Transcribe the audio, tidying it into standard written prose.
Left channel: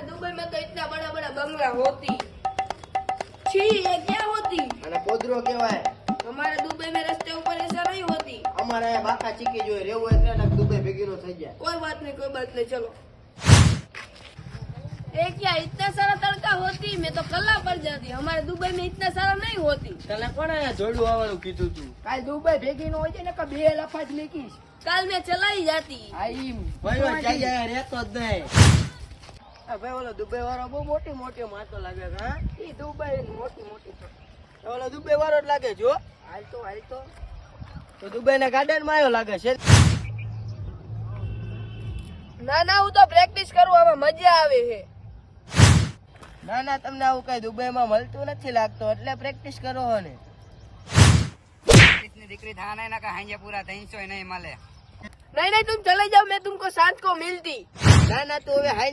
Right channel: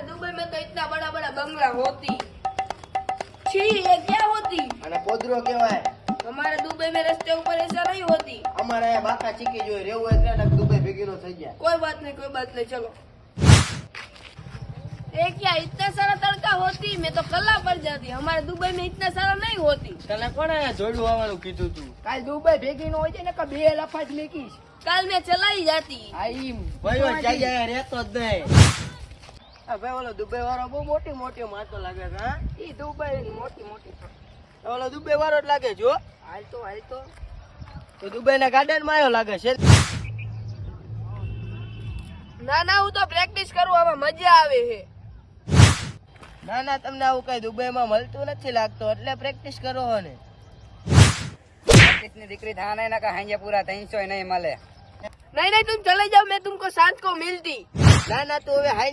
हमारे दुबई में तो इतना बड़ा बड़ा बंगला होती छी, ये क्या होती? અને પોદરો કહેવાય. हमारे दुबई में रास्ते ऊपर ऐसा नहीं होती. અમારે અહીંયા બાકા ચીકી જોઈએ રહેવું હોય એટલે દુબઈ ભેગીનો થઈ જાય. कोई बात नहीं चलो. ये क्या इतना सारा तड़का होती? मैं तो कल्ला पड़ जाती. हमारे दुबई में इतना सारा नहीं होती. તને કોણે અહીંયા જોડું આવવાનું કીધું તું? काल दुबई भेगी नो होती ने का बे लफा ज लेकी काल मैं चलाई जाती. આઈ ભાઈઓ જાય રહેતો જ નહીં. આ ભાઈ ઓલો દુબઈ વાળો બહુ મોટી મોટી માતો લાગે છે. હા, ई दुबई मोटी मोटी ઓલો દુબઈ વાળો જ લાગે જો. हाल तो તો દુબઈ ના ગાર્ડન માં આવ્યો લાગે છે. ना હું તો પ્રેક્ટિસ કરું, હવે મજા આવે છે. ના ના, તમને આવું કઈ દુબઈ માં મળતું નથી લાગતું એટલે પ્રેક્ટિસ કરો હો ને. દીકરી થાને ના કા હાંજે પૂરા 300 નહીં મળે. नहीं तुम चले जाओ, मैं तुमको साथ को मिलती. ના ના, તું હવે હાઈ